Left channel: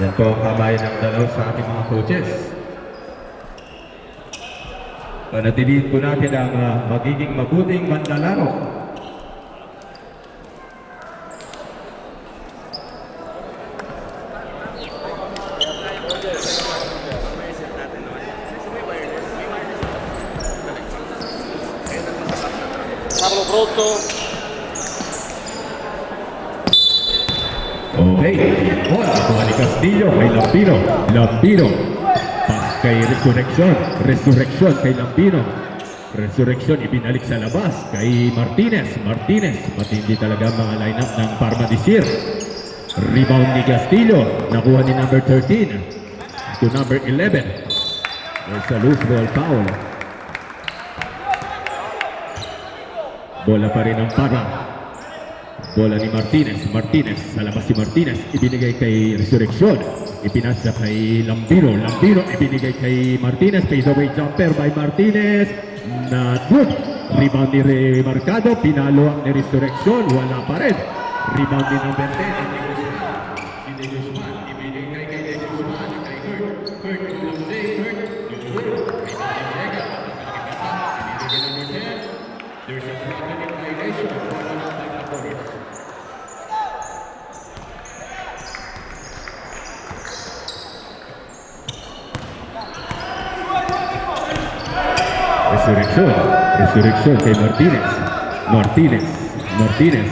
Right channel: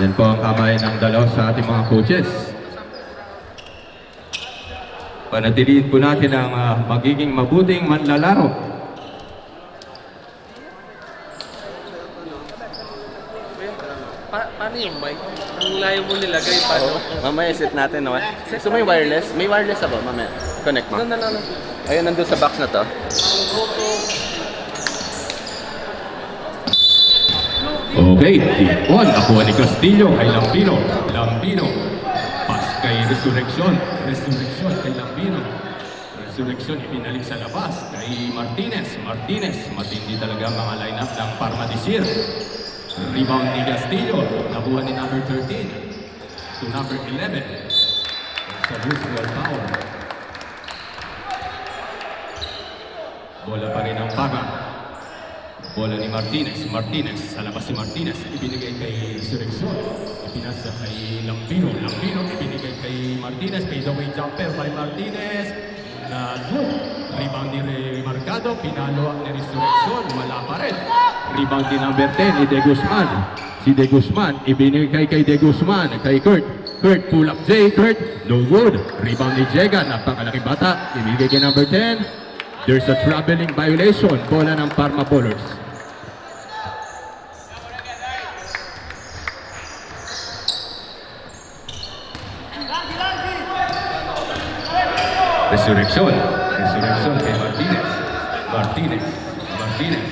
Yan po ang kamay ng dalaw sa ating mga coaches. Panatiliin po natin ang magiging mabuting manlalaro. Paano yun, Mike? Ang layo mo nilagay, paano? Mamaya set natin naman. So may wireless? May wireless na ba? Mamaya. Connect mo. No. Ayun, nandun sa box na to. Pablo Broto. Okay, on ako ni Castillo kay Lambino. Lambino. Pass kay Resurrection. Resurrection kay Lambino. Resurrection ibinalik sa labas kay Martinez. Martinez. Matindi talaga ang mga lineup ng Parma Desir. Rebound ni Castillo. Nakuha ni number 13 to number 11. There's a loose ball foul. Bola pa rin ang Parma. Bola ni Martinez. Martinez. Sa labas si Martinez. Ibinigay kay Resurrection. Ipinasa kay Lambino. Lambino ibinigay kay Martinez. Kay the way jumper by Martinez. Not good. Rebound ni Mercado. Pinalo ni Resurrection. Wala pa rin. Rebound ni number 10 ni De Guzman. Si De Guzman. Ibinigay kay De Guzman. Kay Kurt. Kurt pull up J. Kurt. No good. Rebound ni Jega. Napakalaking bata. Ibinigay kay number 10. There's a traveling violation. Bola ng Parma Bowlers. Resurrection. Resurrection kay Martinez. Martinez. Martinez.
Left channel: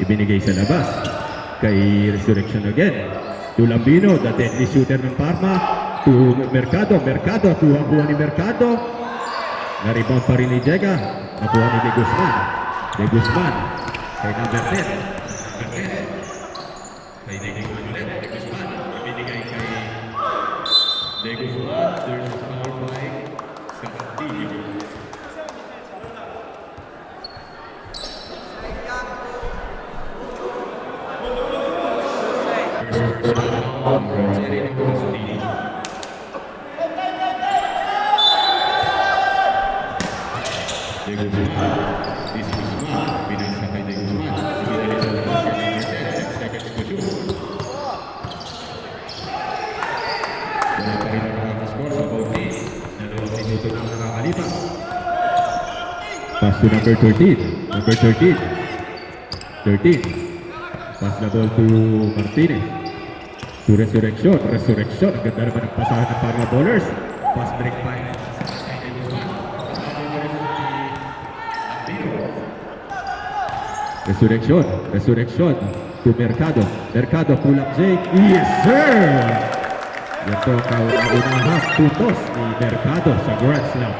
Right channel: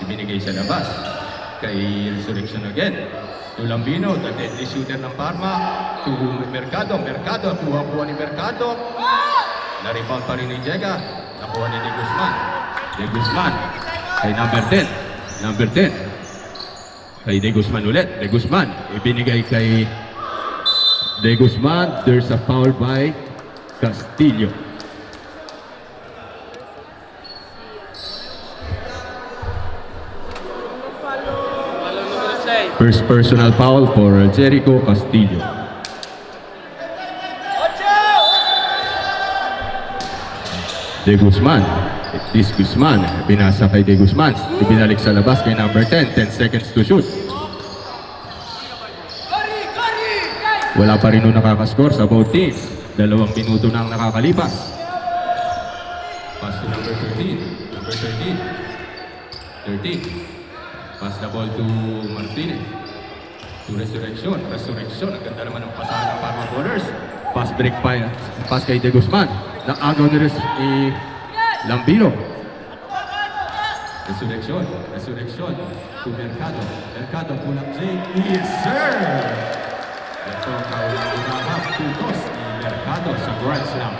Ibinigay sa labas. Kay Resurrection again. To Lambino, the deadly shooter ng Parma. To Mercado. Mercado. Kuha-kuha ni Mercado. Na-rebound pa rin ni Jega. Nakuha ni De Guzman. De Guzman. Kay number 10. Number 10. Kay De Guzman ulit. De Guzman. Ibinigay kay De Guzman. There's a foul by Castillo. First personal foul for Jericho Castillo. De Guzman. This Guzman. Binasa kay De Guzman. Ibinalik sa labas kay number 10. 10 seconds to shoot. Wala pa rin nung nakakaskor sa both teams. 2 minuto na ang nakakalipas. Pass to number 13. Number 13. 13. Pass the ball to Martinez. To Resurrection. Resurrection. Ang ganda naman ng pasahan ng Parma Bowlers. Pass break pa. Pass kay De Guzman. Naagaw ni Lambino. Resurrection. Resurrection. To Mercado. Mercado pull up Jake. Yes, sir! Ito ang kaunang puntos ni Mercado sa Grand Slam.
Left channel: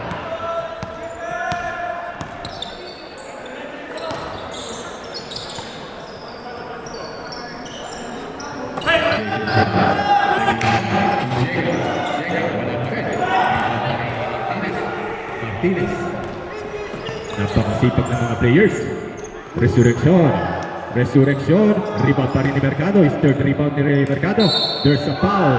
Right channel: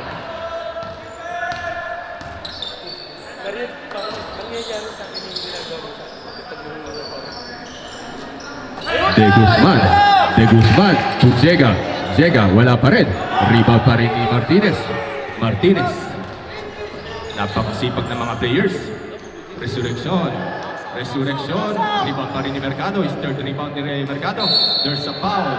De Guzman. De Guzman to Jega. Jega, wala pa rin. Rebound pa rin ni Martinez. Martinez. Napakasipag ng mga players. Resurrection. Resurrection. Rebound pa rin ni Mercado. Is third rebound ni Mercado. There's a foul.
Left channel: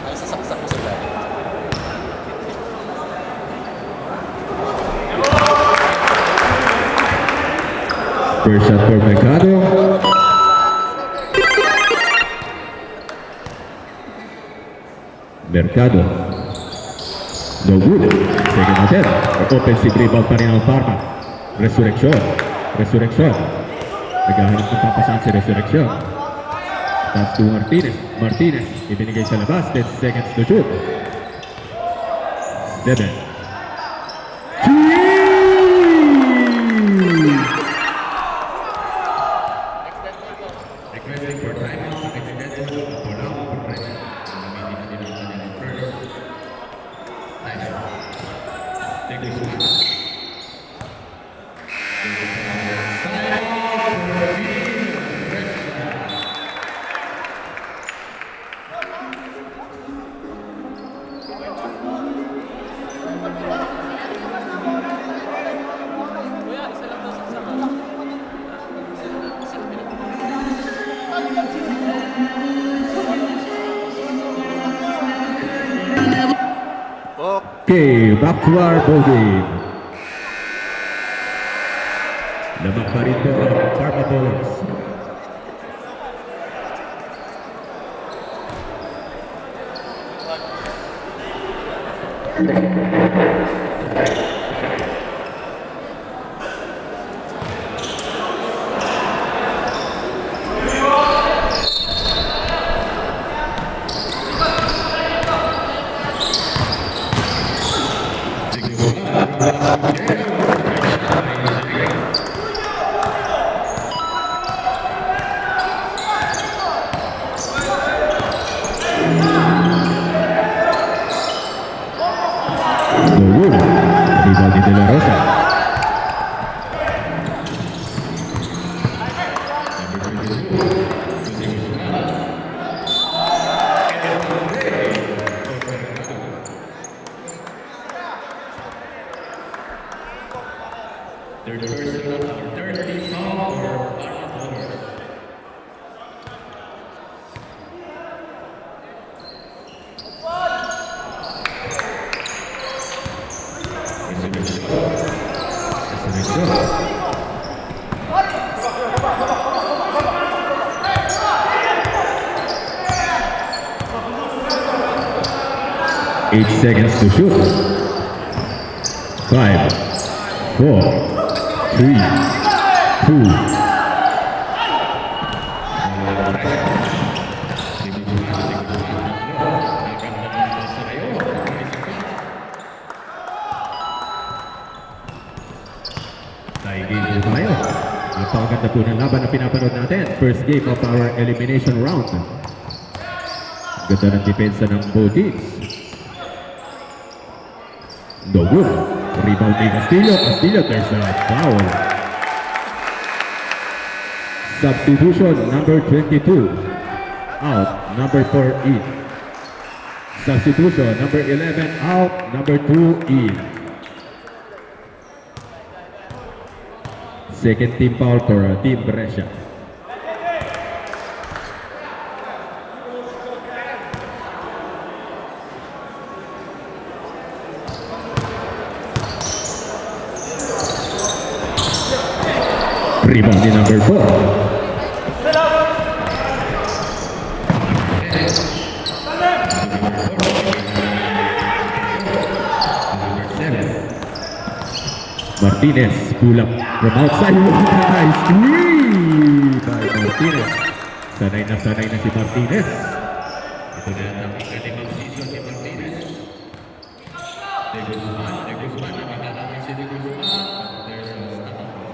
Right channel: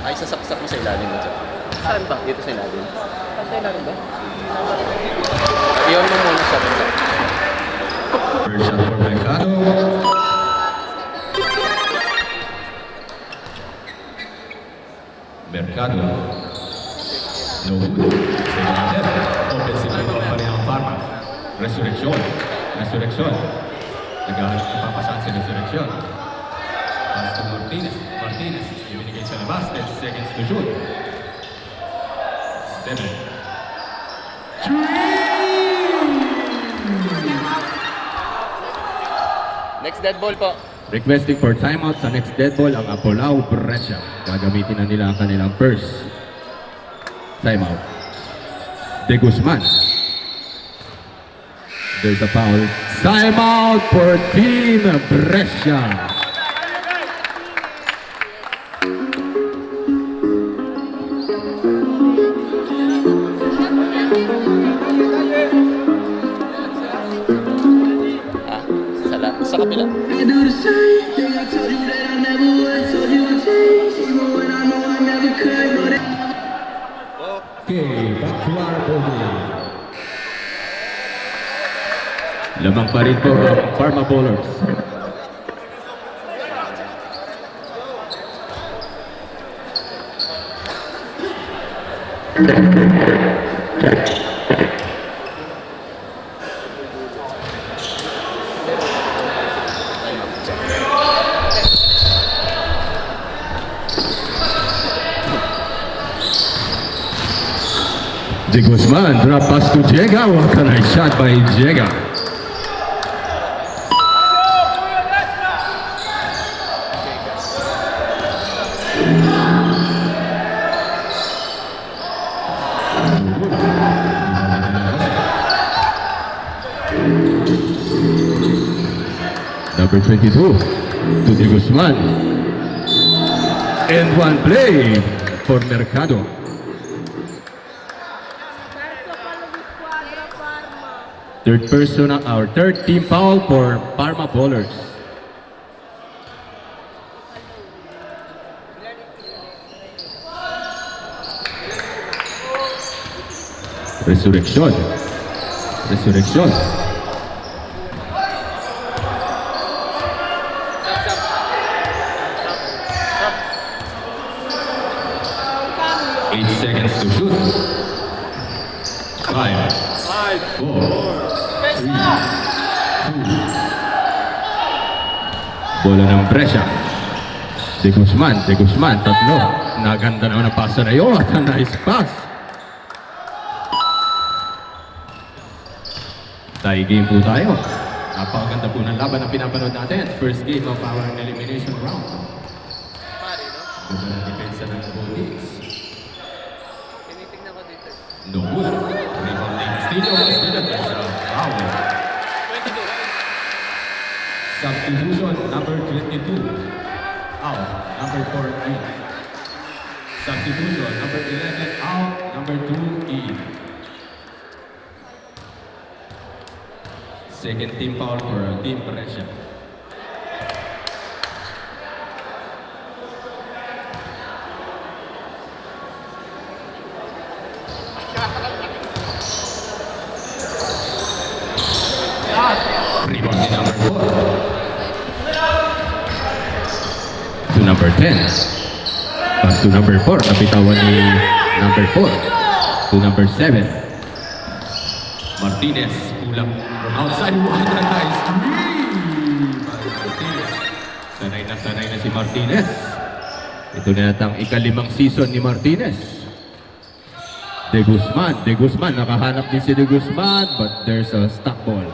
Ay, sasaksak mo sa ilalim. Saan ba? Dito sa ilalim. Iyon mo kung sa ilalim. First shot for Mercado. Mercado. No good. Second attempt. Offensive rebound pa rin ang Parma. Resurrection. Resurrection. Naghahanap ng papasan si Resurrection. Pass to Martinez. Martinez. Ibinigay sa labas. 10 seconds to shoot. 7. 3! Next dead ball po. Requesting for timeout sa next dead ball ang Apolao Brescia. Gagamitin na nila ang kanilang first timeout. De Guzman. There's a foul. Timeout for Team Brescia. Sa kabila. Okay, back to our bowling. Lamang pa rin po ang Parma Bowlers. De Guzman, drop pass to Diego. What a nice shot by Diego. Good. Rivaldi de la Rosa. Number 22 to De Guzman. And one play for Mercado. Third person, our third team foul for Parma Bowlers. Resurrección. Resurrección. Eight seconds to shoot. 5, 4, 3, 2. Bola ng pressure. De Guzman, tatlo. Naganda naman ang pasa na yun. Nice pass. Tie game po tayo. Napakaganda po ng laban na pinapanood natin. First game of our elimination round. Ganda ng depensa ng both teams. No good. Rebound ni Castillo. Castillo, there's a foul. Substitution, number 22. Out, number 4 in. Substitution, number 11 out, number 2 in. Second team foul for Team Brescia. Rebound ni number 4. To number 10. Pass to number 4. Kapitawan ni number 4. To number 7. Martinez, pull up from outside. What a nice three by Martinez. Sanay na si Martinez. Ito na yata ang ikalimang season ni Martinez. De Guzman, nakahanap din si De Guzman, but there's a stop ball.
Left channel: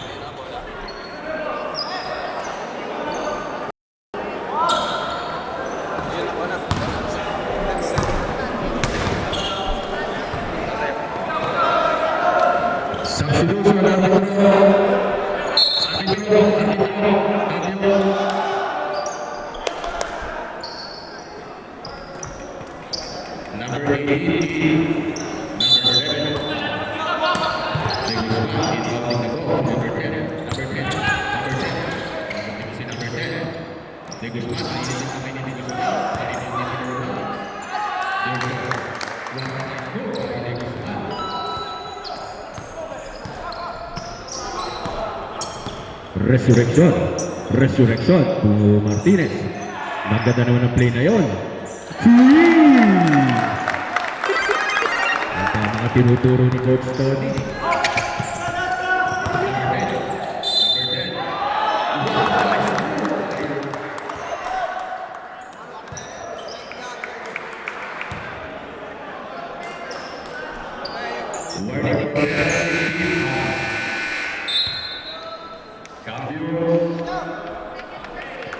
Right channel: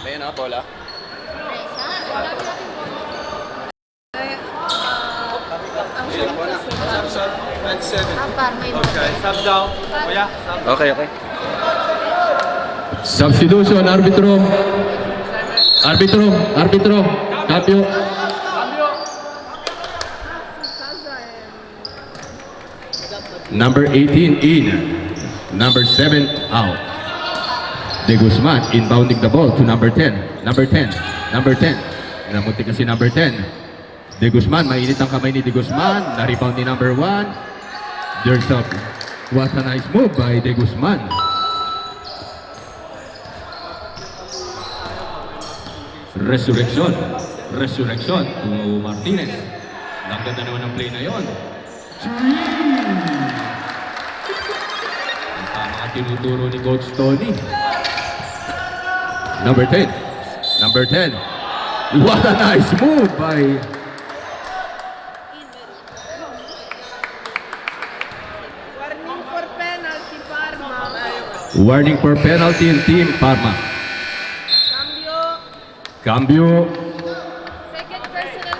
Ayun na, bola. Sub down. Kuya, sub. Okay. Substitution, arbitro. Cambio. Number 18 in. Number 7 out. De Guzman inbounding the ball to number 10. Number 10. Namunti kasi number 10. De Guzman, mainit ang kamay ni De Guzman. Na-rebound ni number 1. There's a what a nice move by De Guzman. Resurrection to Martinez. Nagdada naman ang play na yon. Ang tama tinuturo ni Coach Tony. Number 10. What a nice move by warning for penalty in Team Parma. Cambio. Second personal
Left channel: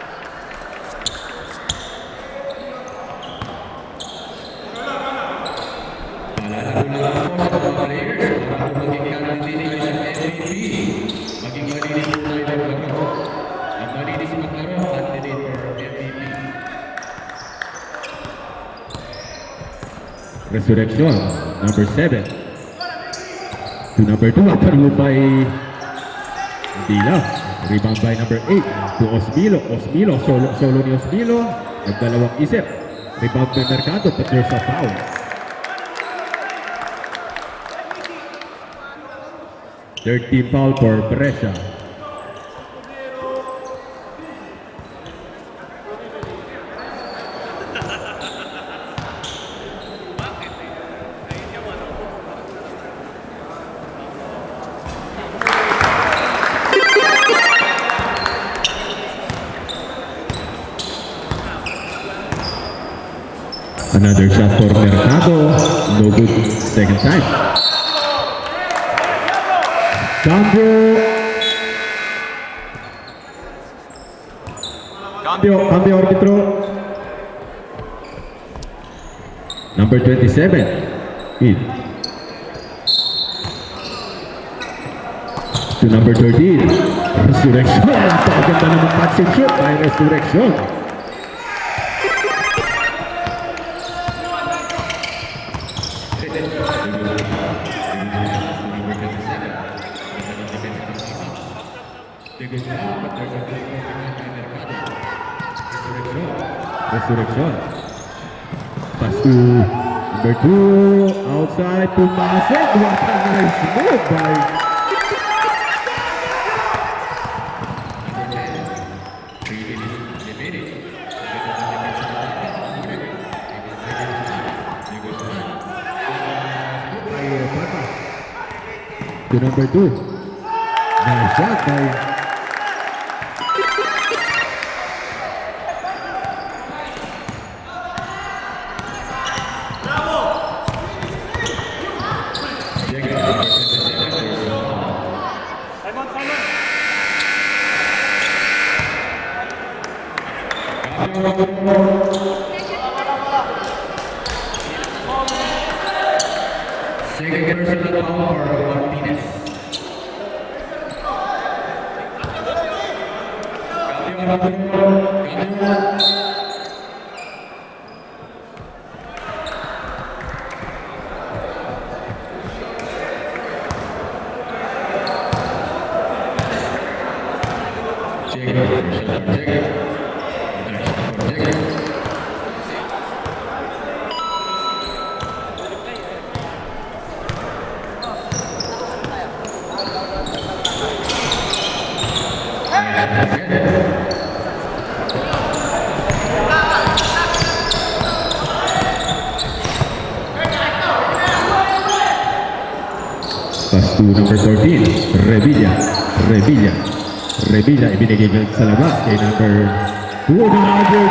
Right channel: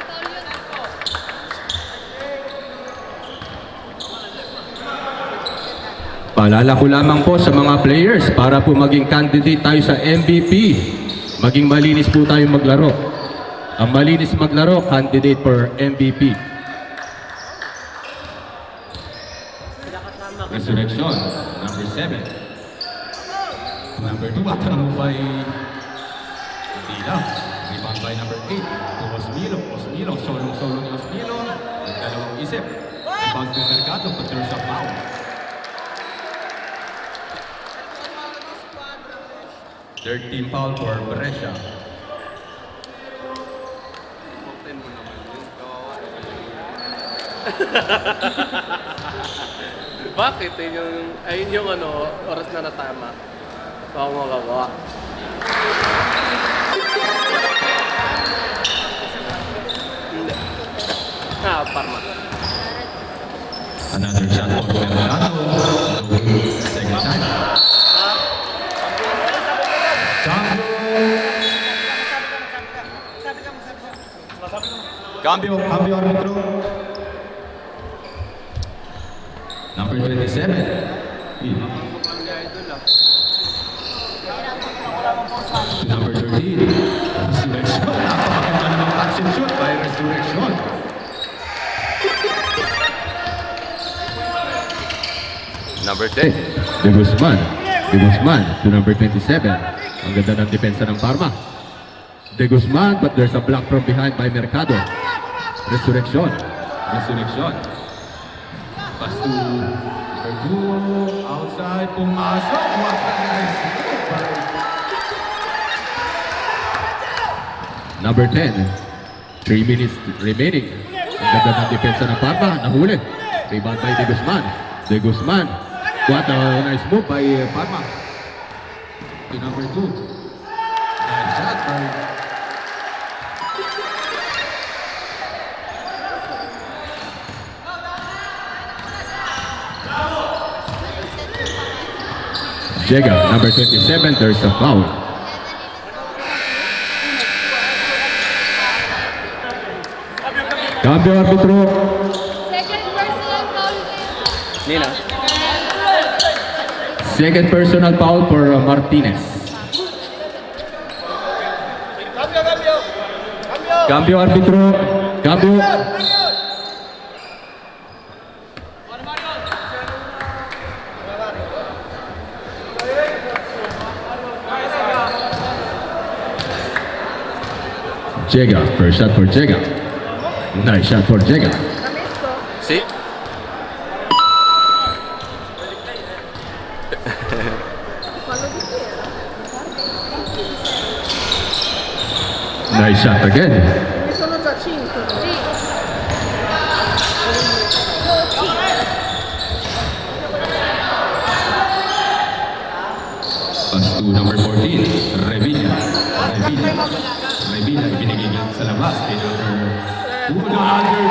Paalala ko lamang po sa mga players para po maging candidate tayo sa MVP. Maging malinis po tayong maglaro. Ang malinis maglaro, candidate for MVP. Resurrection, number 7. To number 2, at move by Dila. Rebound by number 8 to Osmilo. Osmilo, solo ni Osmilo. Nagdalawang isip. Rebound by Mercado, but there's a foul. Third team foul for Brescia. Bakit? Ayun yung oras na natama. Oo, mga kawa. Another shot for Mercado. No good. Second time. Cambio arbitro. Number 27. In. To number 13. Resurrection. Napakaganda naman catch and shoot by Resurrection. Number 10. De Guzman. De Guzman to number 27. Ang ganda ng depensa ng Parma. De Guzman, but there's a block from behind by Mercado. Resurrection. Resurrection. Pass to number 2. Outside. Pumasok. What a nice move by number 10. 3 minutes remaining. Ang ganda ng depensa ng Parma. Nahuli. Rebound by De Guzman. De Guzman. What a nice move by Parma. To number 2. Nice shot by Jega, number 27, there's a foul. Cambio arbitro. Second personal foul. Nina. Second personal foul for Martinez. Cambio arbitro. Cambio. Jega, first shot for Jega. Nice shot for Jega. See? Nice shot again. Pass to number 14, Revilla. Revilla. Revilla ibinigay sa labas kay number 2, number 3.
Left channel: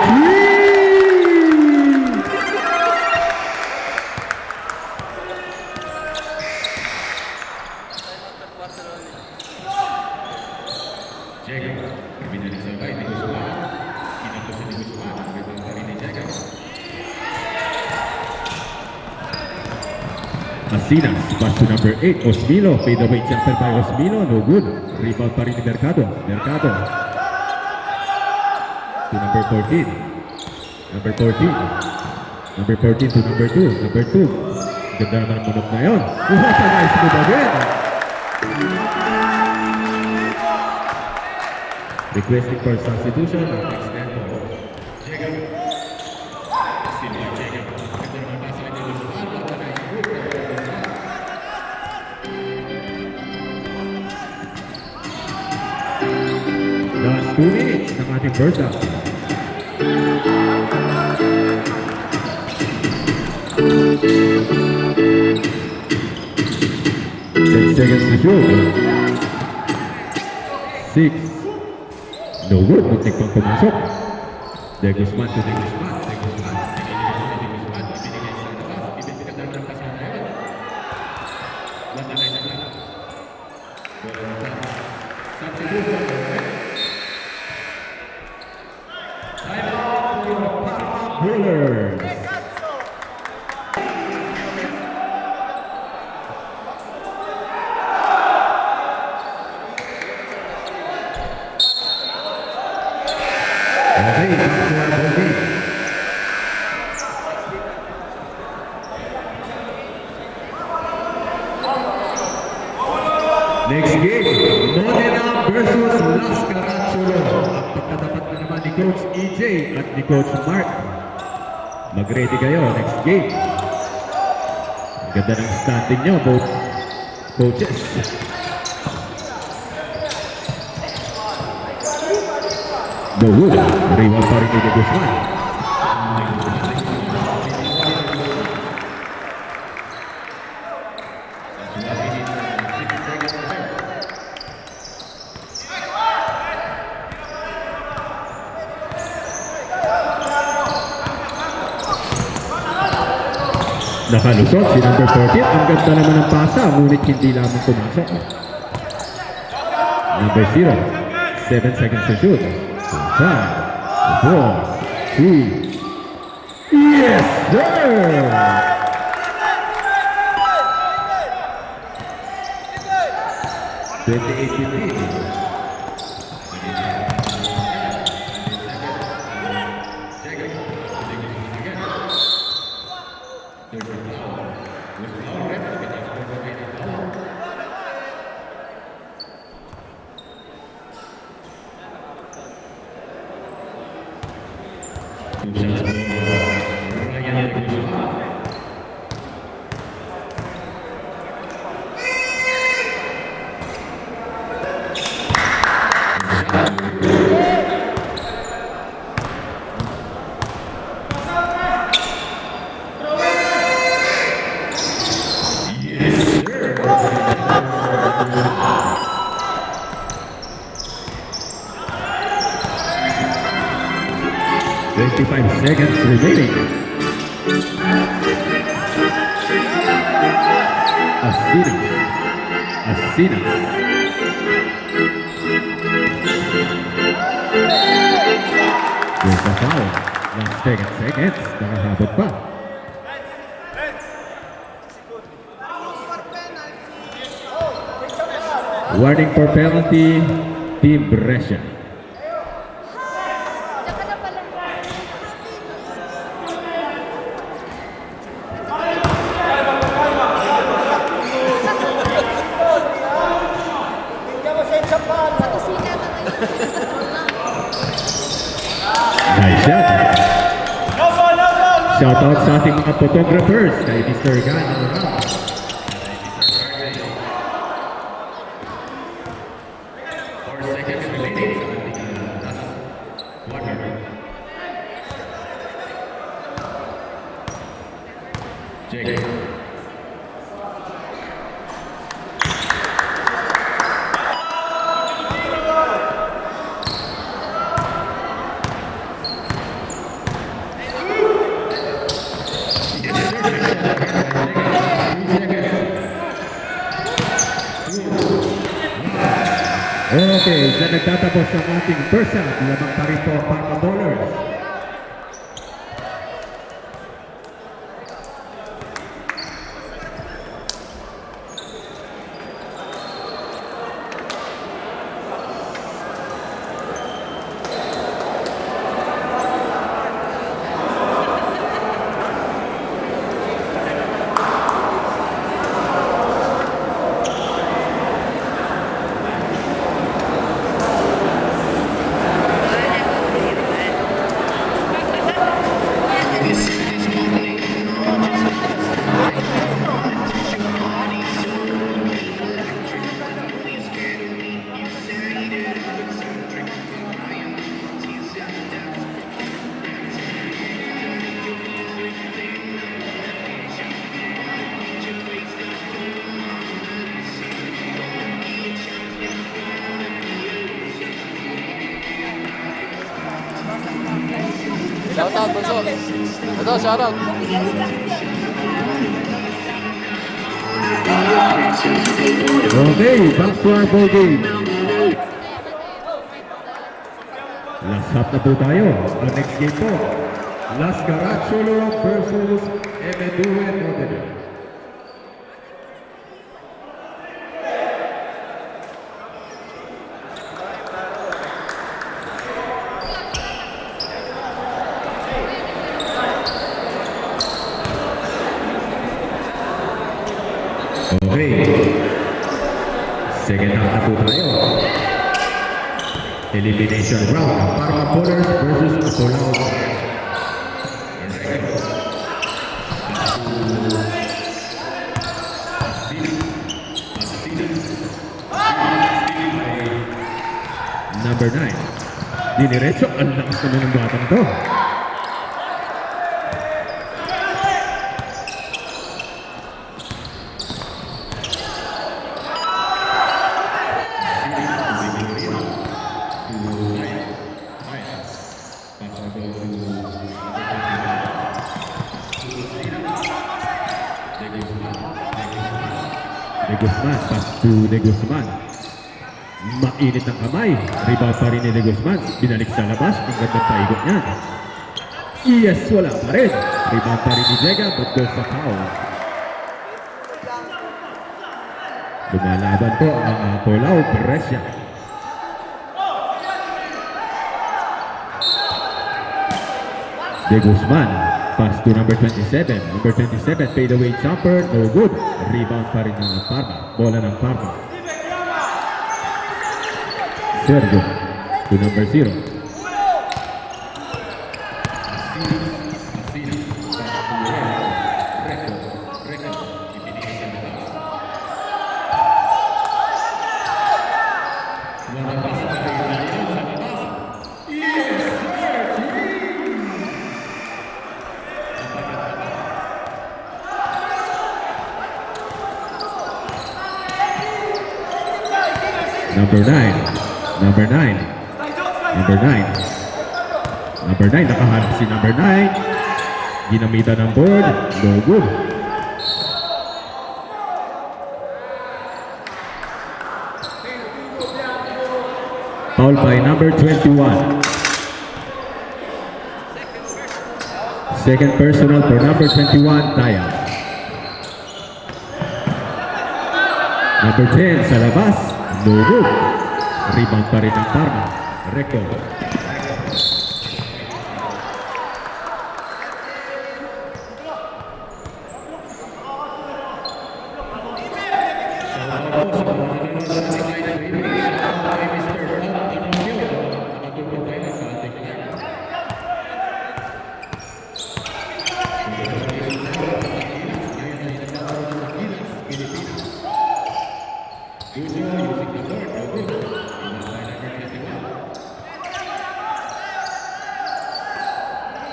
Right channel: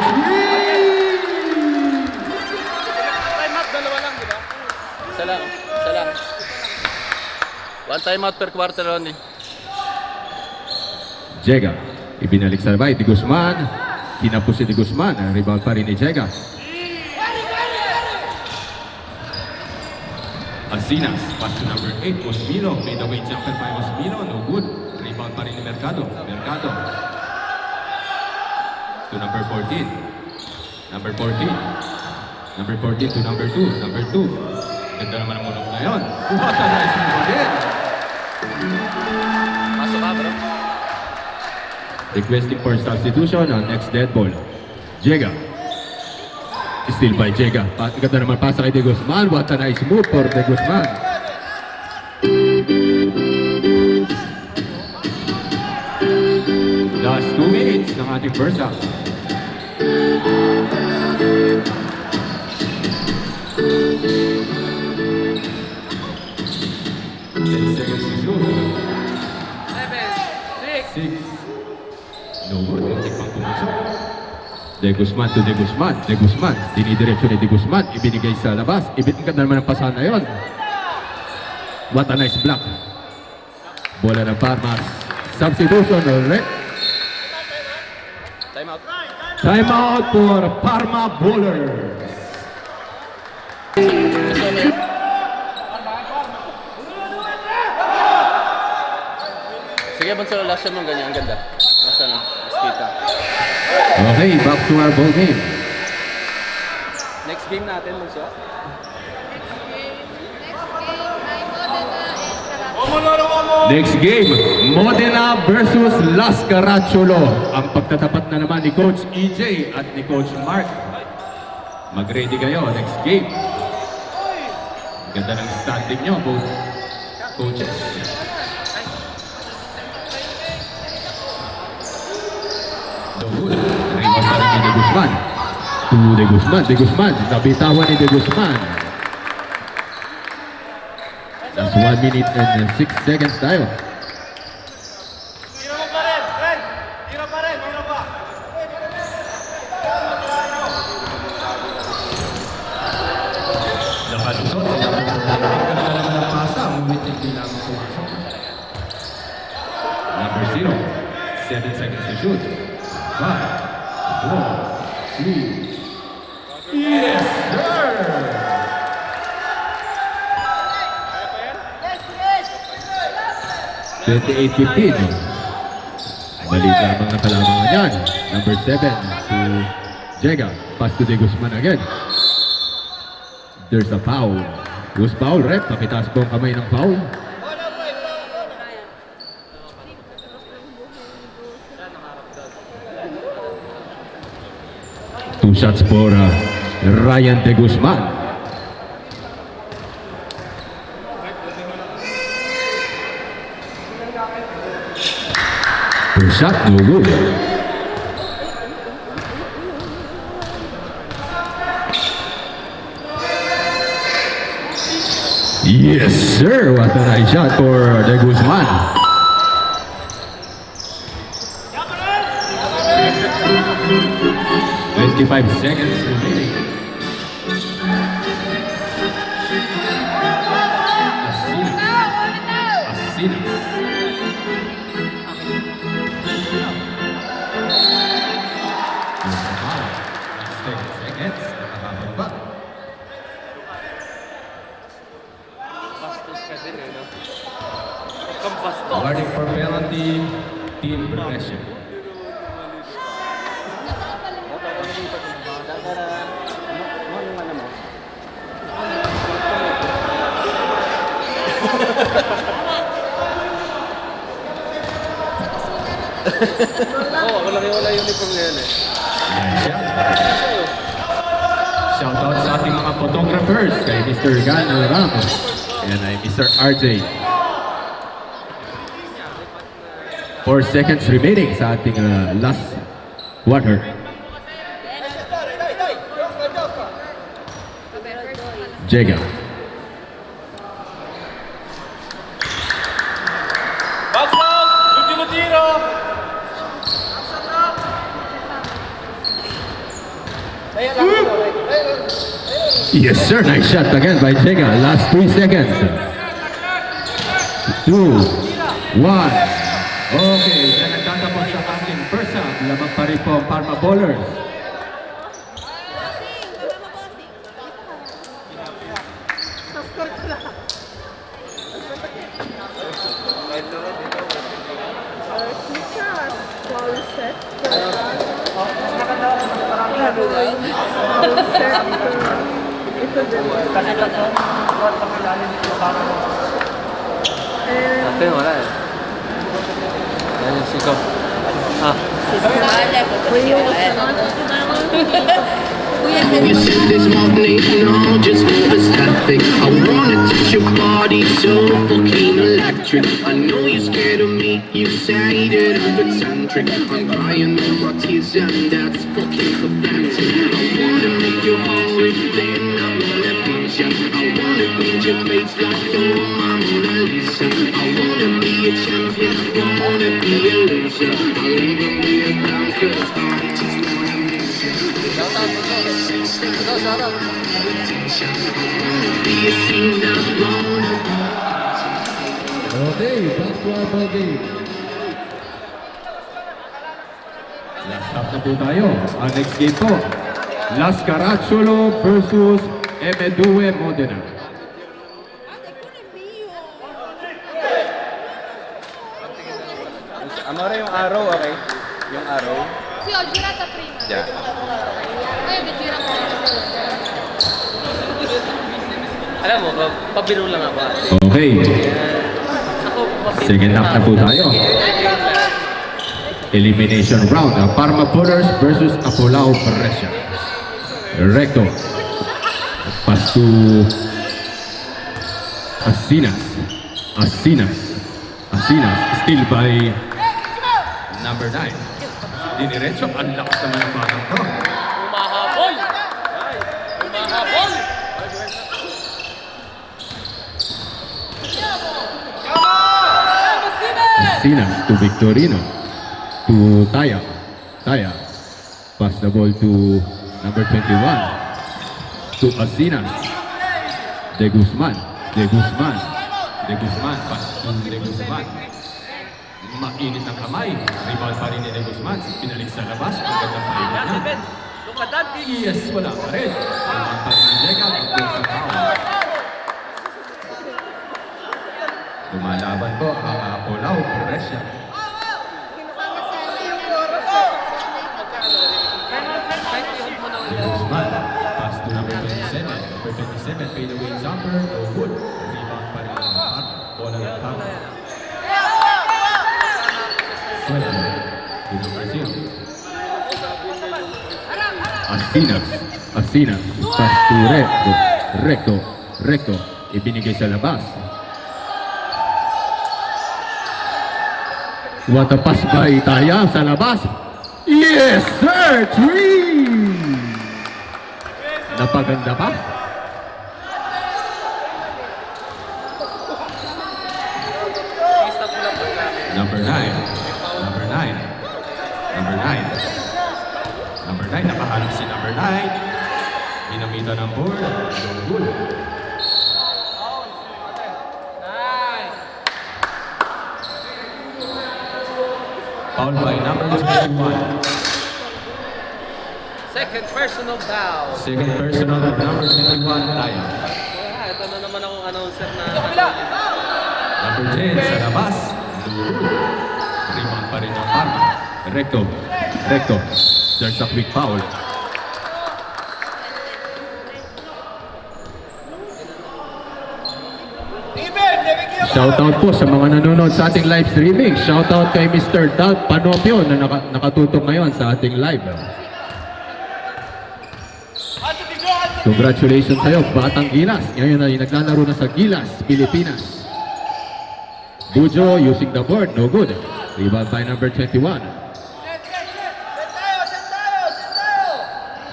Sala. One time out per quarter only. Jega, ibinalik sa labay, Di Guzman. Tinapos si Di Guzman, ang rebound pa rin ni Jega. Asinas, pass to number 8, Osmilo. Fade away jumper by Osmilo, no good. Rebound pa rin ni Mercado. Mercado. To number 14. Number 14. Number 14 to number 2. Number 2. Ganda naman ang punok na yun. What a nice move again. Requesting for substitution ang next dead ball. Jega. Still by Jega. Ganda naman pasa kay De Guzman. What a nice move for De Guzman. Last 2 minutes ng ating first half. Seconds to shoot. 6. No good. Muntik pang pumasok. De Guzman to De Guzman. De Guzman. Dinidireksyon ni De Guzman. Ibinigay sa labas. Ibinigay naman ang pasahan na yun. What a nice block. Bola ng Parma. Substitution. Time out. Time out for Parma Bowlers. Sige, Bunso, last shot mo ganyan. Ang ganda. Last shot mo. Skita. Okay, back to our ball game. Next game natin, Bunso. Next game, Modena versus Las Caracciolo. Ang pagtatapat na naman ni Coach EJ at ni Coach Mark. Mag-ready kayo next game. Ang ganda ng standing nyo, both coaches. Good. Reward pa rin ni De Guzman. De Guzman. Nabitawan ni De Guzman. That's 1 minute and 6 seconds tayo. Nakalusot si number 14. Ang ganda naman ng pasa, ngunit hindi lamang pumasok. Number 0. 7 seconds to shoot. 5, 4, 3. Yes, sir! $38-15. Mali lamang ang kalamangan yan. Number 7 to Jega. Pass to De Guzman again. There's a foul. Who's foul, ref? Pakitaas po ang kamay ng foul. Two shots for Ryan De Guzman. Two shots, no good. Yes, sir. What a nice shot for De Guzman. "25 seconds remaining. Asinas. There's a foul. Last 10 seconds. Nakahabot pa. Warning for penalty, Team Brescia. Nice shot. Shoutout sa ating mga photographers kay Mr. Gano Ramos and Mr. RJ. 4 seconds remaining sa ating last quarter. Jega. Box out! Ultimo tiro! Yes, sir. Nice shot again by Jega. Last 3 seconds. 2, 1. Okay, dyan nagtatapos ang ating first half. Lamang pa rin po ang Parma Ballers. You said this morning, no, just overstepping. I wanna touch your body so fucking electric. I know you're scared of me, you say that I'm eccentric. I'm crying all my tears and that's fucking pathetic. I wanna make your heart then I wanna please you. I wanna paint your face like your Mona Lisa. I wanna be a champion, I wanna be a loser. I'll even be a clown 'cause I just wanna lose you. Okay, back to our ball game. Last half na po tayo. Ang next game po, Las Caracciolo versus M2 Modena. Ano rin yung araw, okay? Yung araw. Si Audra Caprino. Yeah. Ay, nagkira ko. Alam mo, pabilo lang ako. Okay, second half na po tayo. Elimination round. Parma Pullers versus Apolao Brescia. Recto. Pass to Asinas. Still by number 9. Diniretso. Ang lakas naman ng batang to. Mahabol! Mahabol! Asinas to Victorino. To Taya. Pass the ball to number 21. To Asinas. De Guzman. Pass to De Guzman. Mainit ang kamay. Rebound pa rin ni De Guzman. Binalik sa labas. Ang gandang paigot niya. Yes, wala pa rin. Rebound pa rin ni Jega. But goes sa foul. Lumalaban po ang Apolao Brescia. De Guzman. Pass to number 27. Number 27, fade away jumper. No good. Rebound pa rin ng Parma. Bola ng Parma. Sergio to number 0. Asinas. Pass to Recto. Ibinigay sa labas. What a pass by Taya sa labas. Yes, sir! 3! Napaganda pa. Number 9, nakahanap si number 9. Ginamitan ng board. No good. Foul by number 21. Second personal foul. Second personal for number 21, Taya. Ito na naman ang announcer na. Number 10 sa labas. No good. Rebound pa rin ang Parma. Recto. There's a quick foul. Shoutout po sa mga nanonood sa ating live streaming. Shoutout kay Mr. Doug Panopio na nakatutok ngayon sa ating live. Congratulations sa'yo, Batang Gilas. Ngayon ay naglalaro na sa Gilas, Pilipinas. Bujo using the board, no good. Rebound by number 21.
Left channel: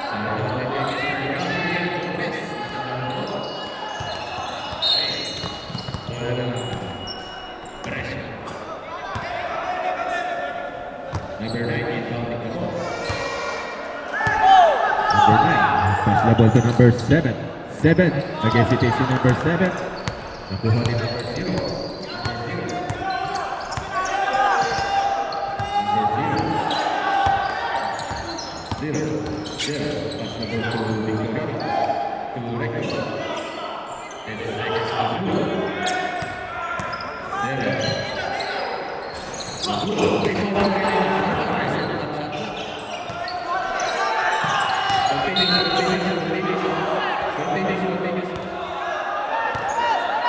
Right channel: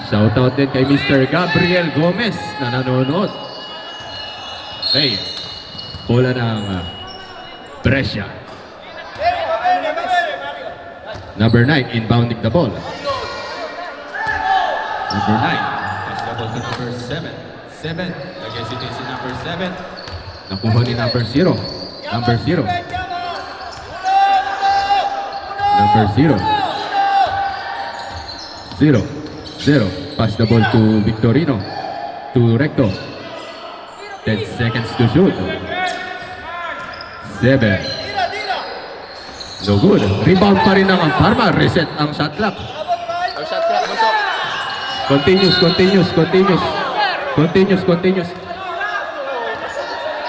Shoutout din kay Mr. Gabriel Gomez na nanonood. Hey, bola ng Brescia. Number 9, inbounding the ball. Number 9, pass the ball to number 7. 7, nag-hesitate si number 7. Nakuha ni number 0. Number 0. Number 0. 0. Pass the ball to Victorino. To Recto. 10 seconds to shoot. 7. No good. Rebound pa rin ang Parma. Reset ang shot clock. Ang shot clock, masok. Continuous.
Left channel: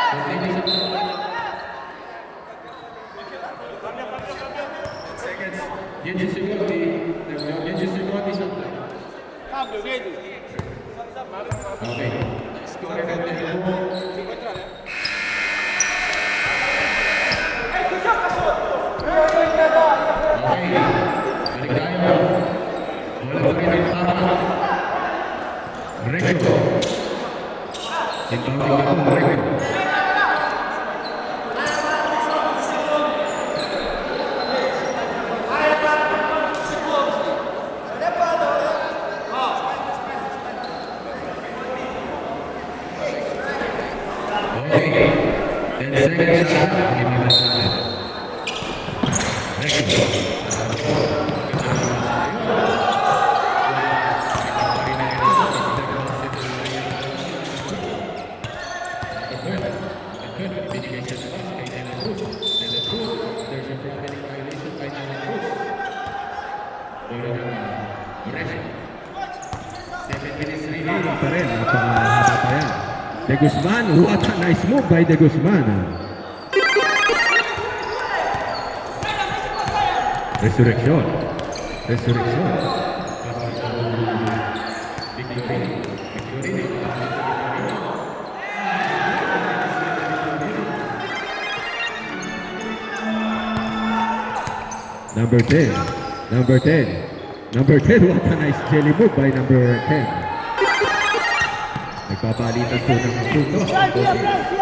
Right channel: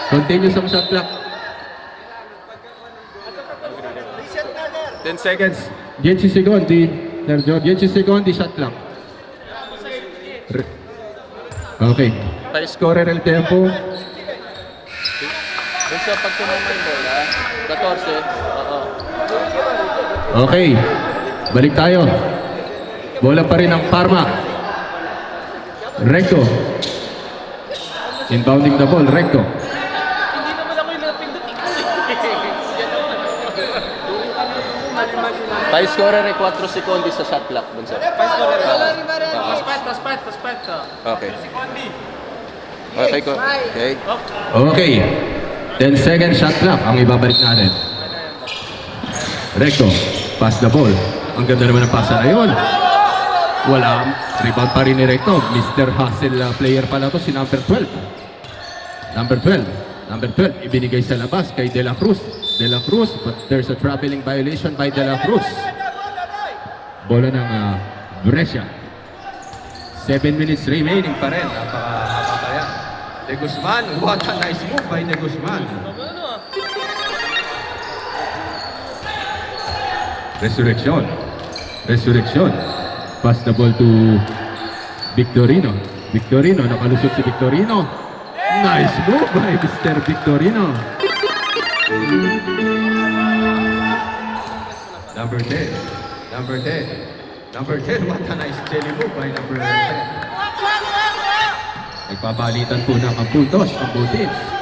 Continuous ang shot clock. 10 seconds. 10 secondi. Sergio, 10 secondi shot clock. Okay. High scorer el tempo. Gusto pag tumasin mo, 14. Okay. Balik tayo. Bola pa rin ang Parma. Recto. Inbounding the ball. Recto. High scorer ay 4 sekundos sa shot clock. Okay. Okay, ko. Okay. Okay. 10 second shot clock ang ibabalik natin. Recto. Pass the ball. Ang ganda naman ang pasa na yun. Wala. Rebound pa rin ni Recto. Mr. Hustle player pala to si number 12. Number 12. Ibinigay sa labas kay De La Cruz. But there's a traveling violation by De La Cruz. Bola ng Brescia. 7 minutes remaining pa rin. Napakahaba pa yan. De Guzman. What a nice move by De Guzman. Resurrection. Resurrection. Pass the ball to Victorino. Victorino, nakalusot si Victorino. Nice move by Mr. Victorino. Number 10. Number 10. Number 10. What a nice jelly move by number 10. Nagpapalitan po ng puntos ang both teams.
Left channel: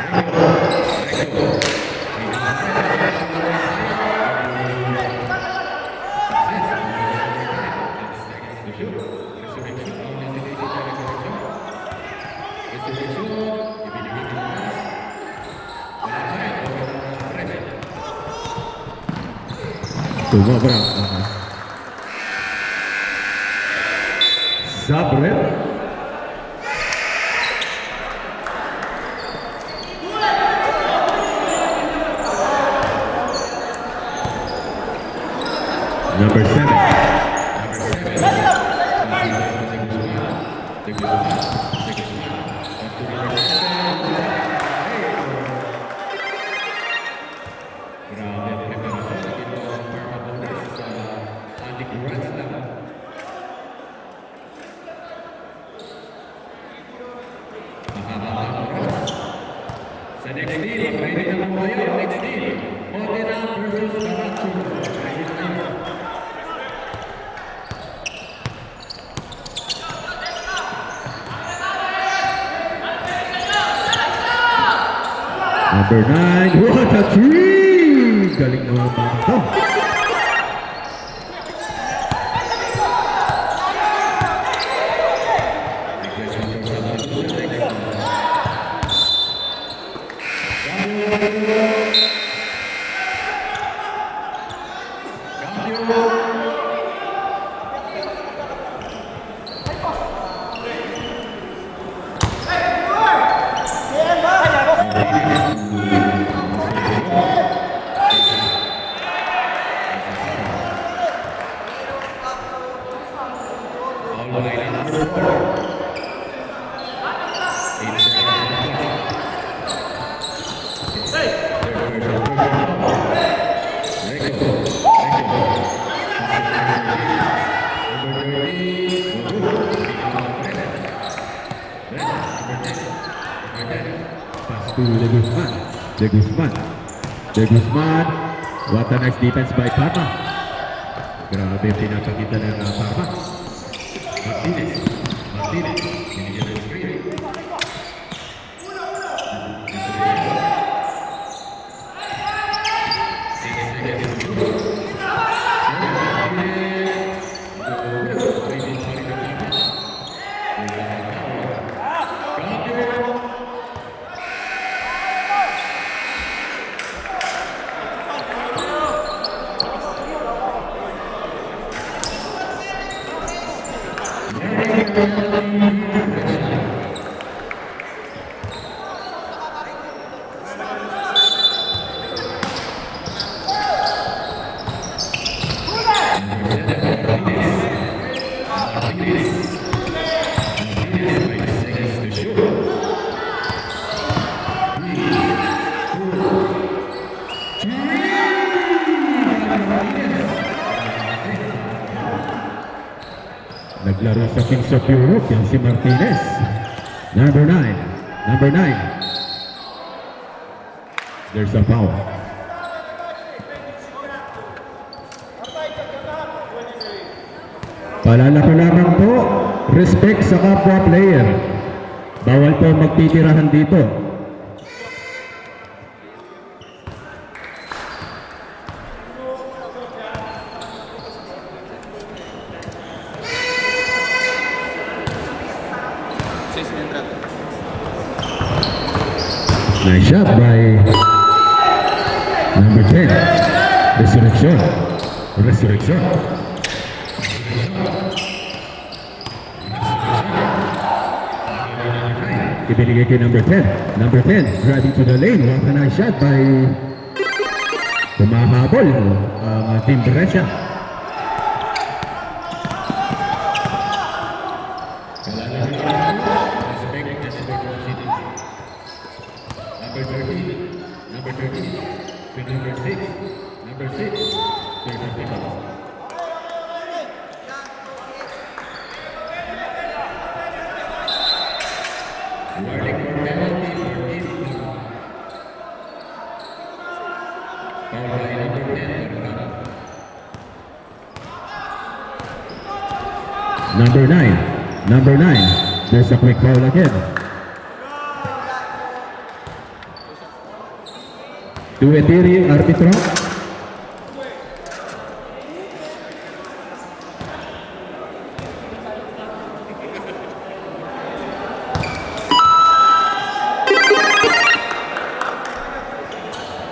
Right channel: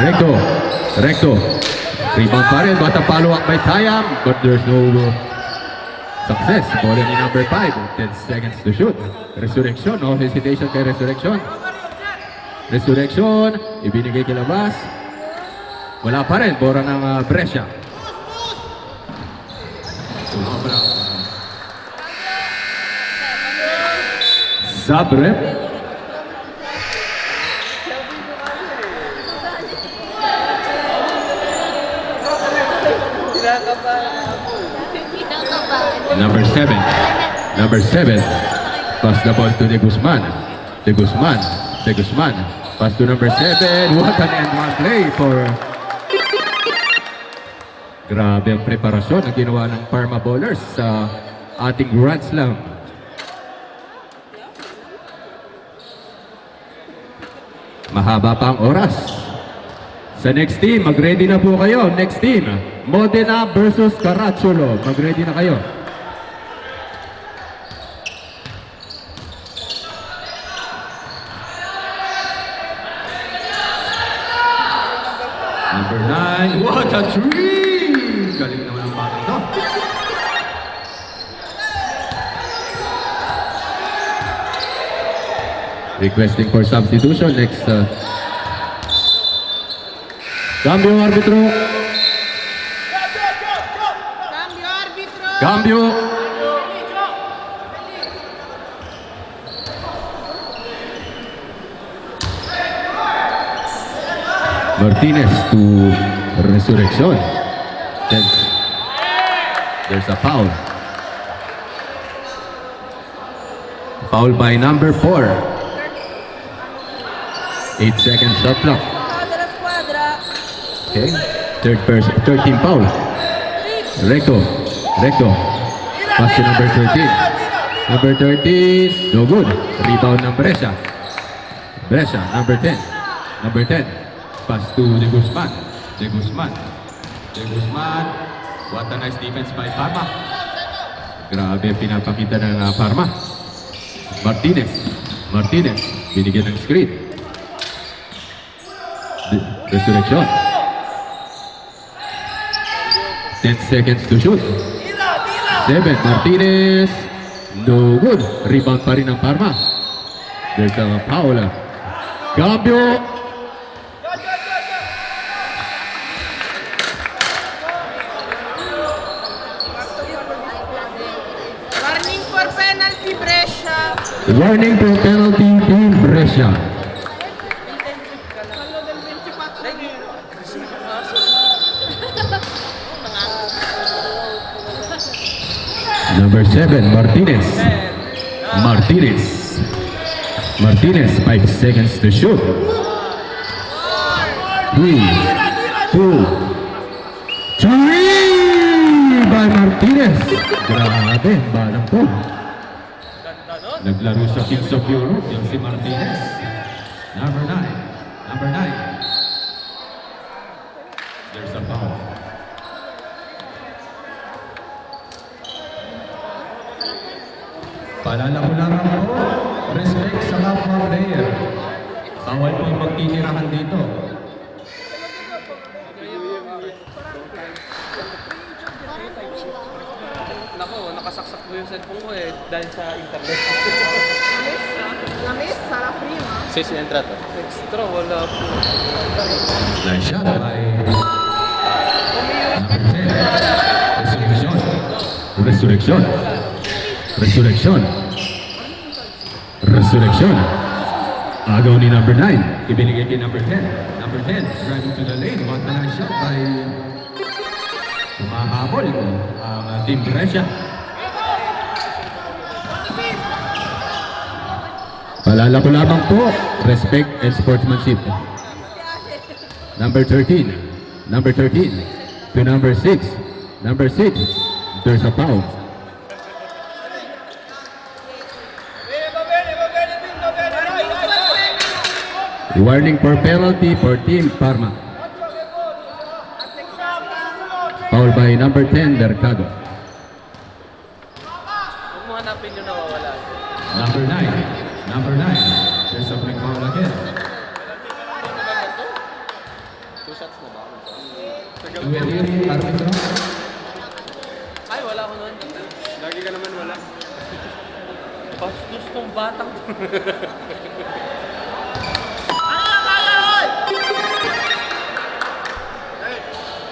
Recto. Recto. Rebound pa rin. What a follow-up by Tayam. But there's no success. Ball in number 5. 10 seconds to shoot. Resurrection. No hesitation kay Resurrection. Resurrection. Ibinigay kay labas. Wala pa rin. Bora ng Brescia. Sumobra. Zagreb. Number 7. Number 7. Pass the ball to De Guzman. De Guzman. De Guzman. Pass to number 7. What an end-one play for... Grabe ang preparasyon na ginawa ng Parma Bowlers sa ating Grand Slam. Mahaba pa ang oras. Sa next team, mag-ready na po kayo. Next team, Modena versus Caracciolo. Mag-ready na kayo. Number 9, what a three! Galing mo ng bata to. Requesting for substitution next. Cambio arbitro. Cambio. Martinez to Resurrection. There's a foul. Foul by number 4. 8 seconds shot clock. Okay. Third team foul. Recto. Recto. Pass to number 13. Number 13. No good. Rebound ng Brescia. Brescia. Number 10. Number 10. Pass to De Guzman. De Guzman. De Guzman. What a nice defense by Parma. Grabe pinapakita ng Parma. Martinez. Martinez. Binigyan ng screen. Resurrection. 10 seconds to shoot. 7. Martinez. No good. Rebound pa rin ng Parma. There's a foul. Cambio. Warning for penalty, Brescia. Warning for penalty to Brescia. Number 7, Martinez. Martinez. Martinez, 5 seconds to shoot. 3, 2, 3 by Martinez. Grabe, parang po. Naglaro sa Kings of Europe yung si Martinez. Number 9. Number 9. There's a foul. Paalala ko lamang po, respect sa kapwa player. Bawal po magtitirahan dito. Ako, nakasaksak ko yung cellphone ko eh. Dahil sa Lamis, sarap niya. Sis na entrada. extra, wala. Nice shot by number 10. Resurrection. Resurrection. Resurrection. Resurrection. Agaw ni number 9. Ibinigay kay number 10. Number 10. Driving to the lane. What a nice shot by Pumahabol ang Team Brescia. Paalala ko lamang po, respect and sportsmanship. Number 13 to number 6. Number 6, there's a foul. Warning for penalty for Team Parma. Foul by number 10, Mercado. Mga napin yung nawawala. Number 9, there's a quick foul again. Tuwetiri, arbitro. Ay, wala ko na. Lagi ka naman wala. Pastos tong batang.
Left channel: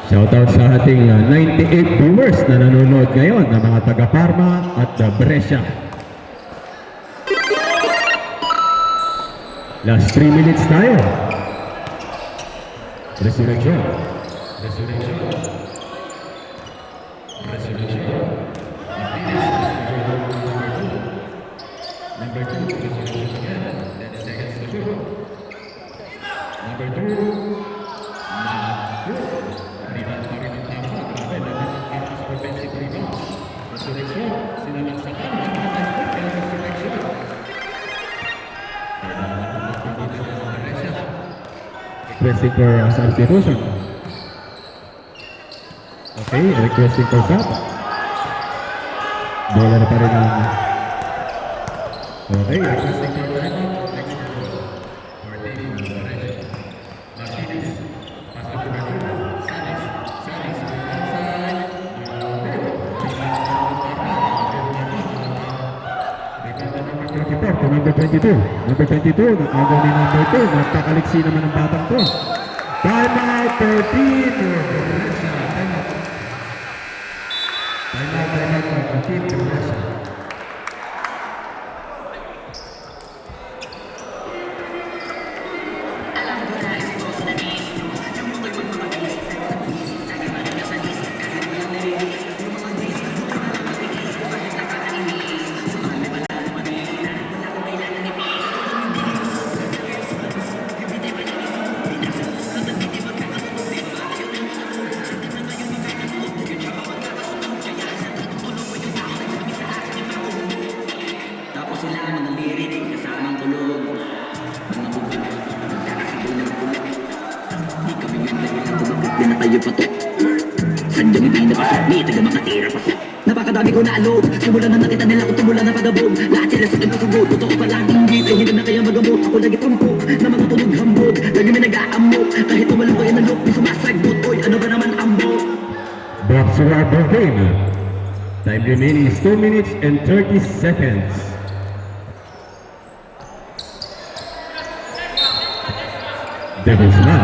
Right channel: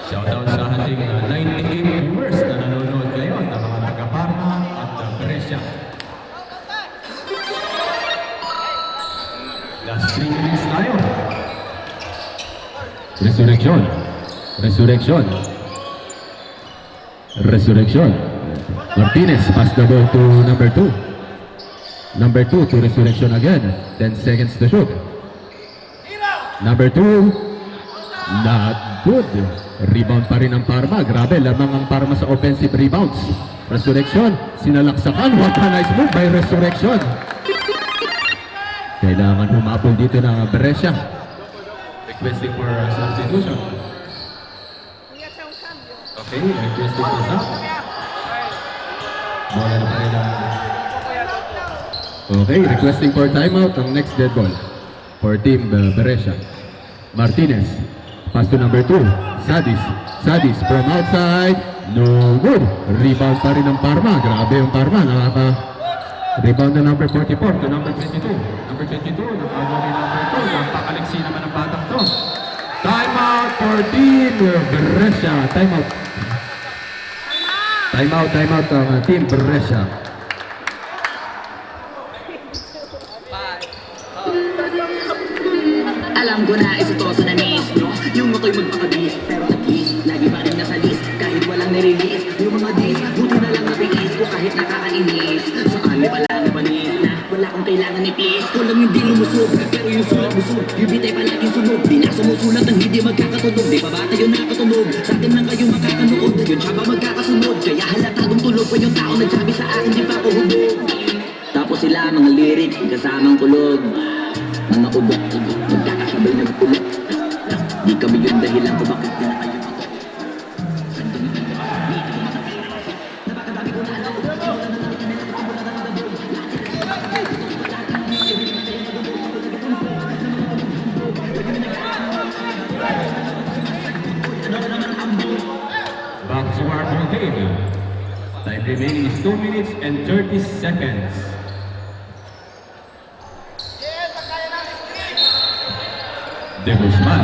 Shoutout sa ating 98 viewers na nanonood ngayon ng mga taga-Parma at Brescia. Last 3 minutes tayo. Resurrection. Martinez pass the ball to number 2. Number 2 to Resurrection again. 10 seconds to shoot. Number 2. Not good. Rebound pa rin ang Parma. Grabe, lamang ang Parma sa offensive rebounds. Resurrection, sinalaksakan. What a nice move by Resurrection. Kailangan humapol dito ng Brescia. Requesting for substitution. Okay, requesting for sub. Bola na pa rin ang... Okay, requesting for timeout ang next dead ball for Team Brescia. Martinez. Pass to number 2, Sadis from outside, no good. Rebound pa rin ng Parma, grabe yung Parma, rebound na number 44 to number 22. Number 22, nakagaw ni number 2, napakaliksi naman ng batang to. Timeout for Team Brescia, timeout ang Team Brescia. Alam ko na isitoso na miss nyo yung ako'y magpakabis, pero at least lagi pa rin nasa list kahit walang nare-release. Yung mga dis, buti na lang mabigis ko kahit nakakainis. Saan may palagi manis na wala akong kailangan ni please. Kulang yung di lumusog, pero yung sulat busog. Yung bitay palaging sunod, di na sumusulat ng hindi magkakatunog. Di pa ba tayo nakatunog? Sa atin lang kayo makakanood. Yun siya ba magkakasunod? Kaya halatagong tulog pa yung tao nagsabi sa akin di pa ako hubog. Tapos sila mga lyrics, kasamang kulog. Mga ubok, magkakasabay ng ulit. Di kami yung dahilan kung bakit di na tayo patok. Sadyang hindi na pasakli, taga makatira pa. Napakadami ko nalo, simulan na nakita nila kung tumulan na pagabog. Lahat sila sa pagkasabog, ito ko palaging dito. Hindi na kaya magamot, ako lagi tumpok na mga tulog hambog. Lagi na nag-aamok, kahit wala ko yung nalok. Di sumasagbot, oy, ano ba naman ambo? Back to our game. Time remaining is 2 minutes and 30 seconds. De Guzman.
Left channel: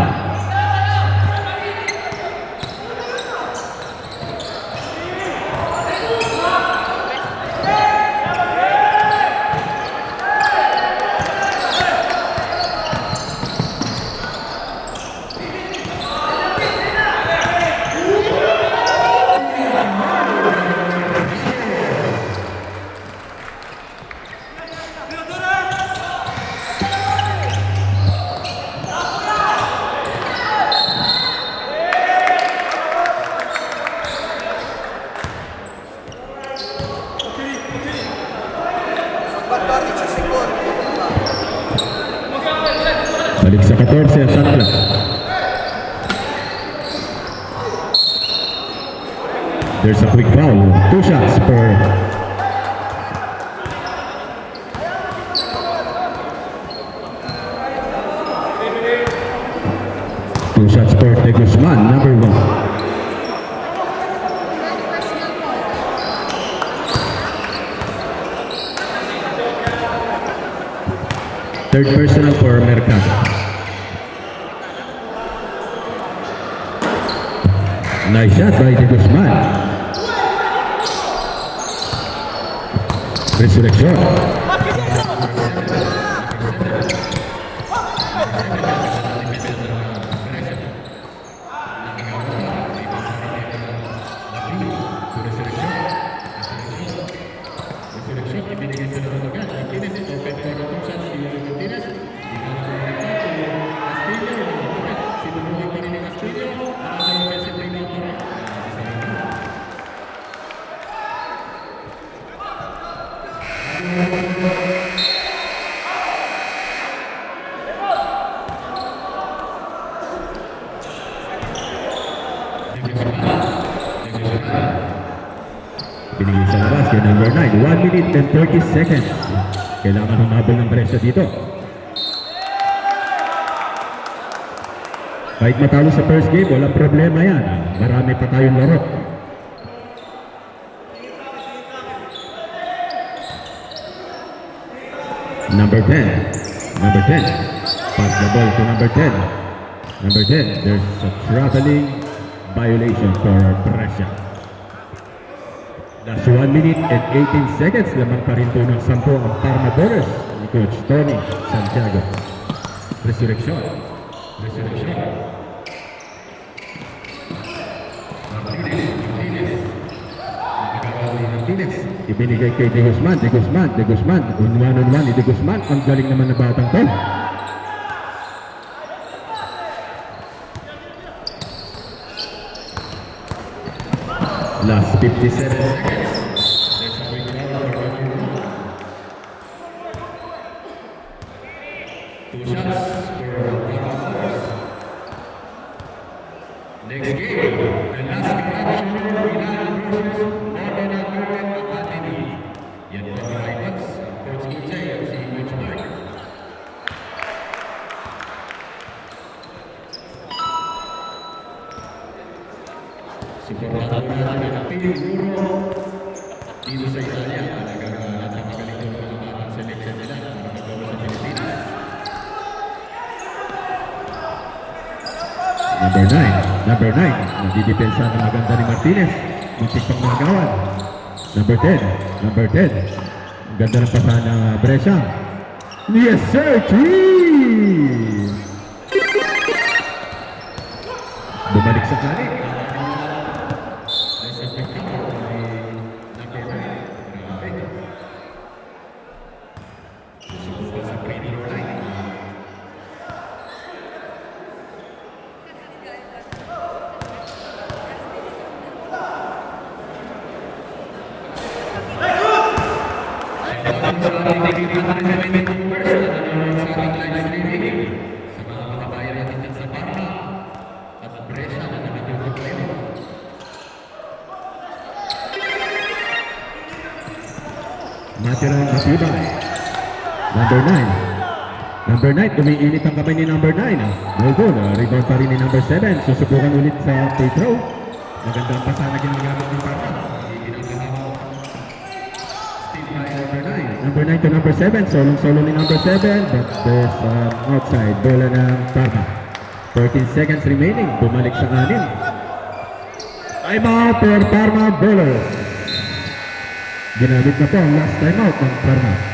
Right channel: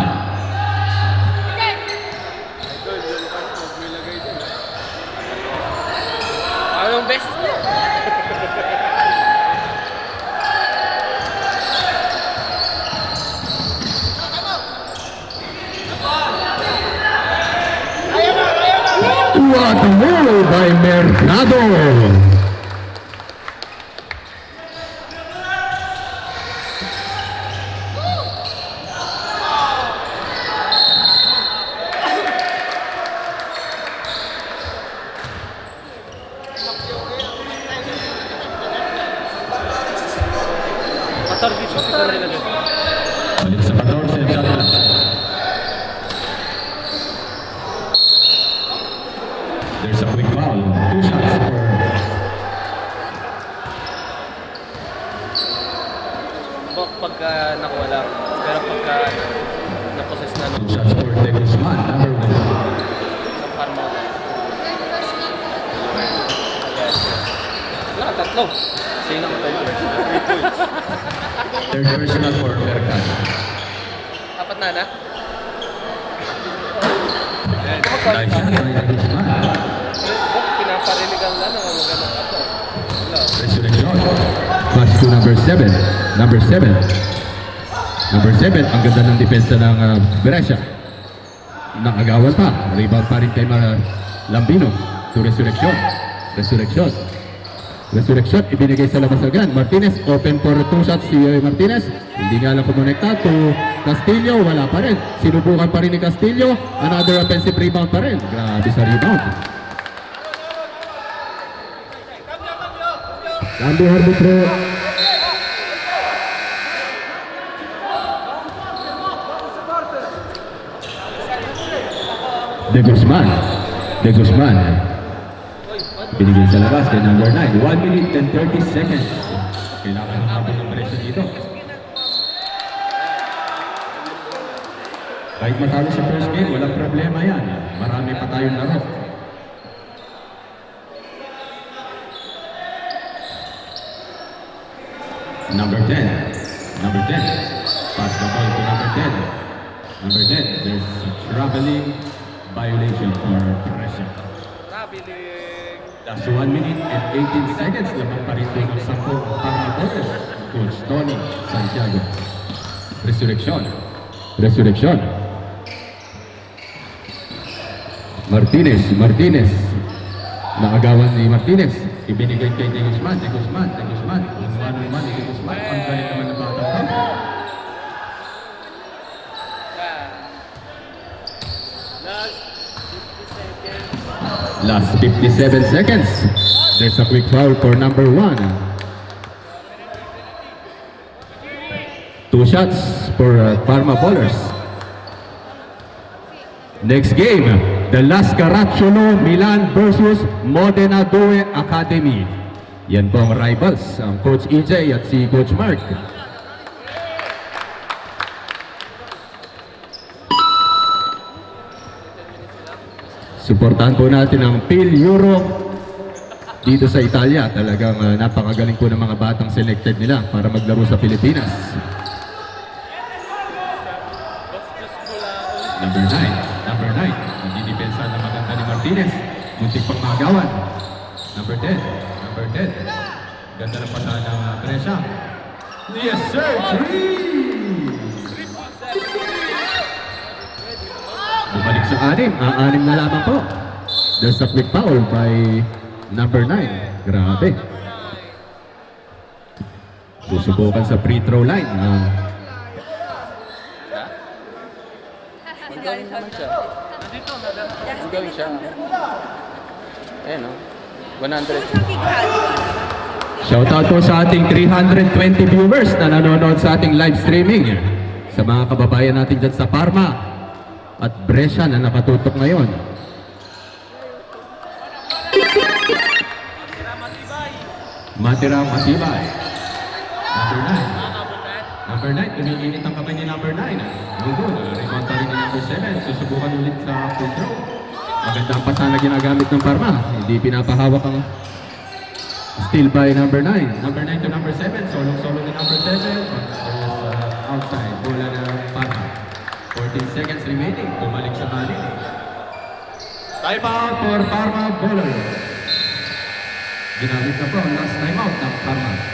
Anong best? What a move by Mercado. Balik sa 14 ang shot clock. There's a quick foul. 2 shots for Pagka nakawala. Pero pagka naposes na. 2 shots for De Guzman, number 1. Tatlo. Sino ang pwede? Third personal for Mercado. Apat na na? Nice shot by De Guzman. Pinapaliligan ba na? Resurrection. Pass to number 7. Number 7. Number 7. Ang ganda ng depensa ng Brescia. Nakagawan pa. Rebound pa rin kay Lambino. To Resurrection. Resurrection. Resurrection, ibinigay sa labas agad. Martinez, open for 2 shots si Martinez. Hindi nga lang pumonekta to Castillo, wala pa rin. Sinubukan pa rin ni Castillo. Another offensive rebound pa rin. Grabe sa rebound. Cambio arbitro. De Guzman. Binigyan sa labas kay number 9. 1 minute and 30 seconds. Kailangan humabol ng Brescia dito. Kahit matalo sa first game, walang problema yan. Marami pa tayong laro. Number 10. Pass the ball to number 10. Number 10, there's a traveling violation for Brescia. That's 1 minute and 18 seconds. Lamang pa rin po ng 10 ang Parma Boris ni Coach Tony Santiago. Resurrection. Martinez. Nakagawan ni Martinez. Ibinigay kay De Guzman. On one ni De Guzman. Ang galing naman na batang to. Last 57 seconds. There's a quick foul for number 1. 2 shots for Parma Bowlers. Next game, the Las Caracciolo Milan versus Modena Due Academy. Yan po ang rivals, ang Coach EJ at si Coach Mark. Suportahan po natin ang PIL Euro dito sa Italia. Talagang napakagaling po ng mga batang selected nila para maglaro sa Pilipinas. Number 9. Nagdidepensa ng maganda ni Martinez. Muntik pang magawan. Number 10. Ganda ng pasahan ng Brescia. Yes sir! 3! Bumalik sa 6 na lamang po. There's a quick foul by number 9. Grabe. Susubukan sa free throw line. Galing siya. Ayan o. 100. Shoutout po sa ating 320 viewers na nanonood sa ating live streaming. Sa mga kababayan natin dyan sa Parma at Brescia na nakatutok ngayon. Matirang Matibay. Number 9, umiinit ang kamay ni number 9. No good. Rebound pa rin ni number 7. Susubukan ulit sa free throw. Magandang pasa na ginagamit ng Parma. Hindi pinapahawak ang steal by number 9. Number 9 to number 7. Solong-solo ni number 7. But there's outside. Bola ng Parma. 14 seconds remaining. Bumalik sa 6. Timeout for Parma Bowler. Ginamit na po ang last timeout ng Parma.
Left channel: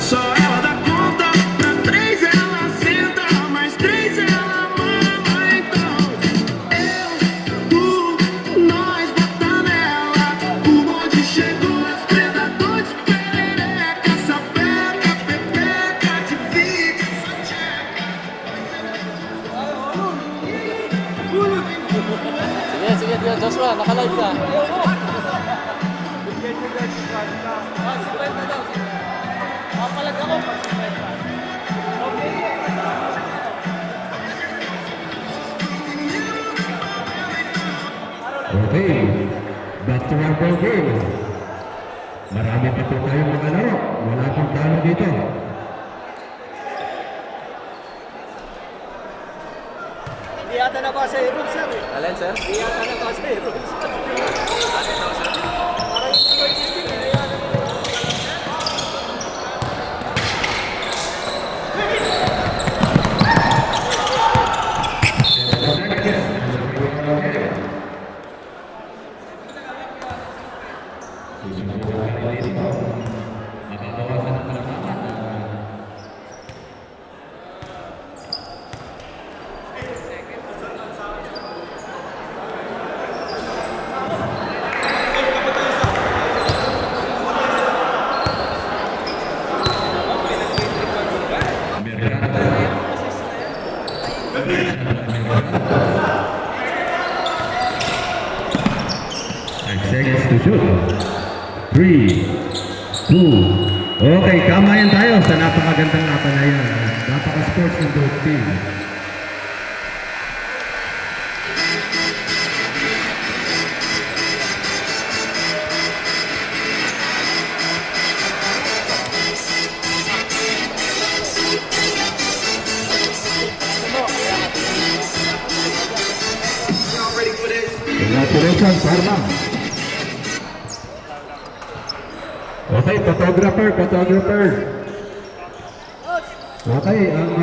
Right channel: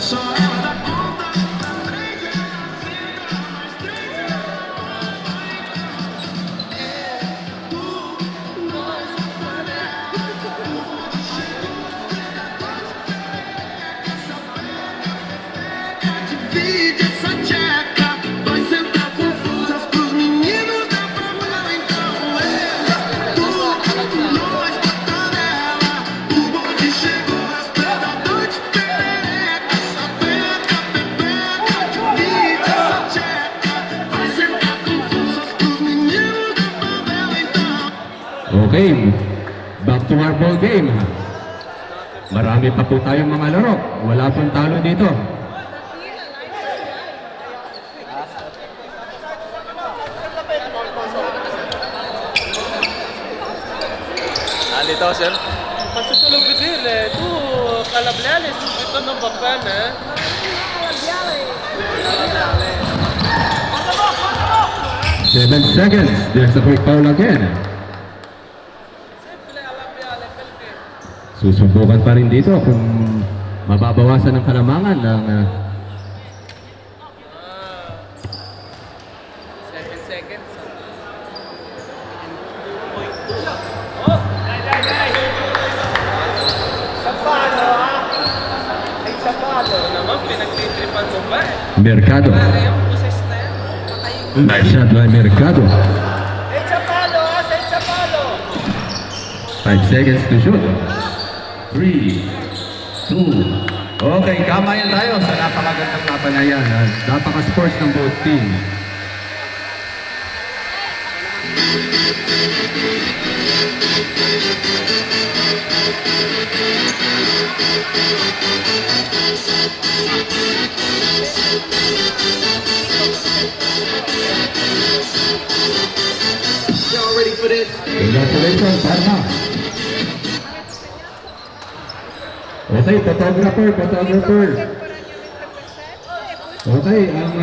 Só ela dá conta, na 3 ela senta, mais 3 ela mama. Então nós bota nela. O bonde chegou, os predadores perereca. Essa peca, pepeca, divide essa tcheca. Vai sentar confusas pros meninos da favela. Então nós bota nela. O bonde chegou, os predadores perereca. Okay, back to our ball game. Marami pa po tayong mga laro. Wala pong talo dito. Alin, sir? Nandito, sir? Susunod ko din eh. Kalablanis. Ito ng bakban eh. Seven seconds. There's a quick foul again. Susubukan pa rin dito kung mababawasan ang kalamangan ng 7 seconds. Mercado. Nice shot by Mercado. 5 seconds to shoot. 3, 2. Okay, kamayan tayo sa napakagandang napanayan. Napaka-sports ng both team. Y'all ready for this? Congratulations, Parma. Okay, photographer. Okay, ang